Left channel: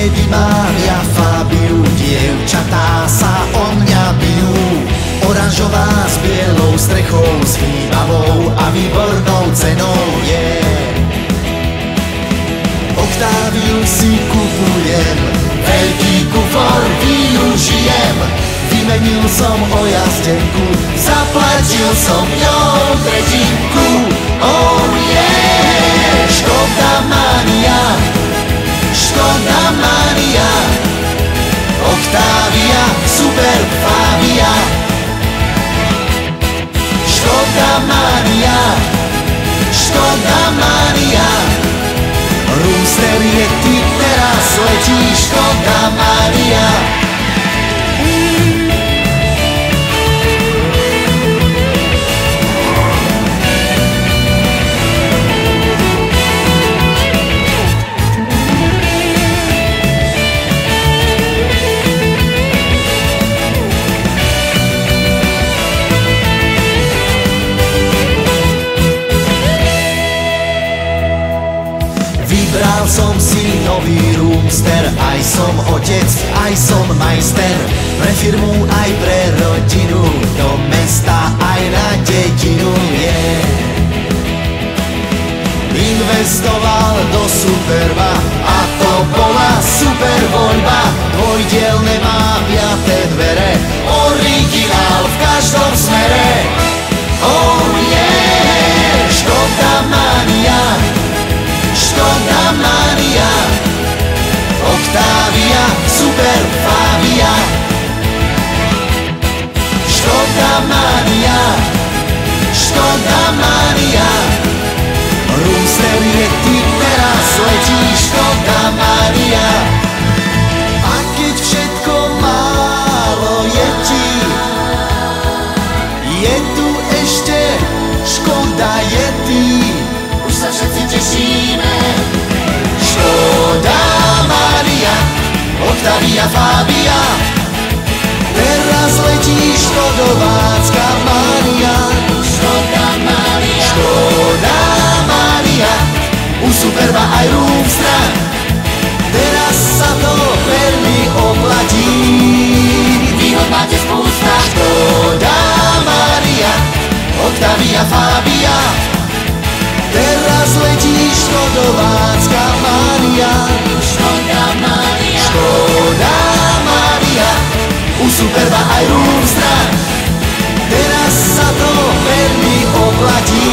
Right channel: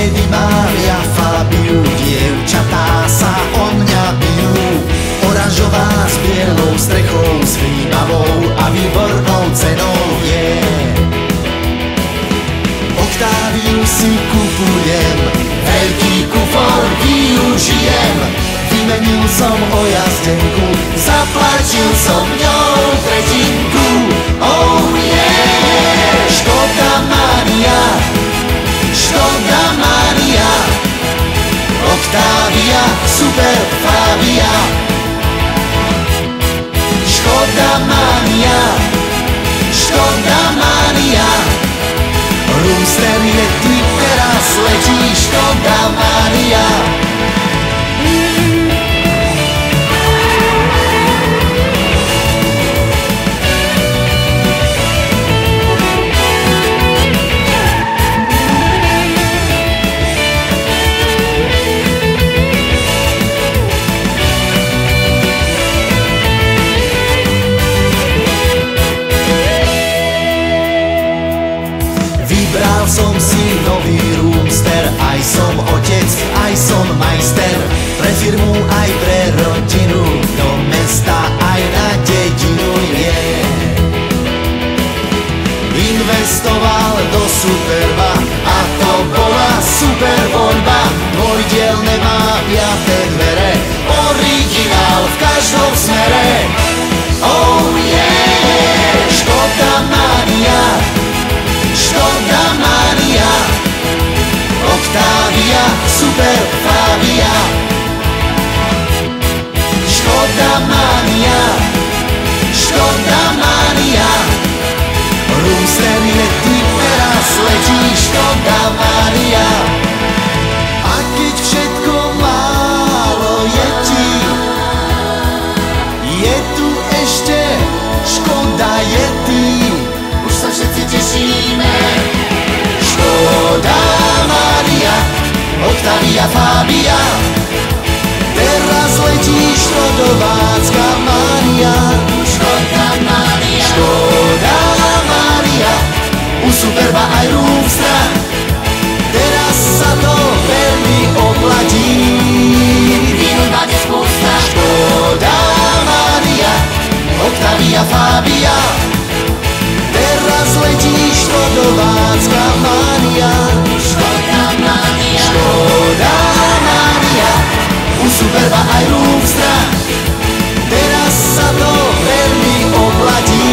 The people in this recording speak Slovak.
Vtedy mám ja Fabiu, dievčatá sa o mňa bijú. Oranžová s bielou strechou, s vnímavou a výbornou cenou je. Octaviu si kupujem, veľký kufor využijem. Vymenil som o jazdenku, zaplatil som ňou tretinku. Oh yeah! Škoda mania, Škoda mania, Octavia, super Fabia. Škoda mania, Škoda mania, Roomster je ty teraz letí, Škoda mania. Vybral som si nový Roomster, aj som otec, aj som majster. Pre firmu, aj pre rodinu, do mesta, aj na dedinu je. Investoval do Superba a to bola super voľba. Dvojdielne má 5 dvere, originál v každom smere. Oh yeah! Škoda mania, Škoda mania, Octavia, super Fabia. Škoda mania, Škoda mania, Roomster je ty teraz letí, Škoda mania. A keď všetko málo je ti, je tu ešte Škoda Yeti. Už sa všetci tešíme. Škoda mania, Octavia Fabia, teraz letí škodovácka mania. Škoda mania, Škoda mania, u Superba aj Roomstra, teraz sa to veľmi oplatí. Výhod máte spústa. Škoda mania, Octavia Fabia, teraz letí škodovácka mania. Škoda mania, Škoda mania, u Superba aj Roomstra, teraz sa to veľmi oplatí.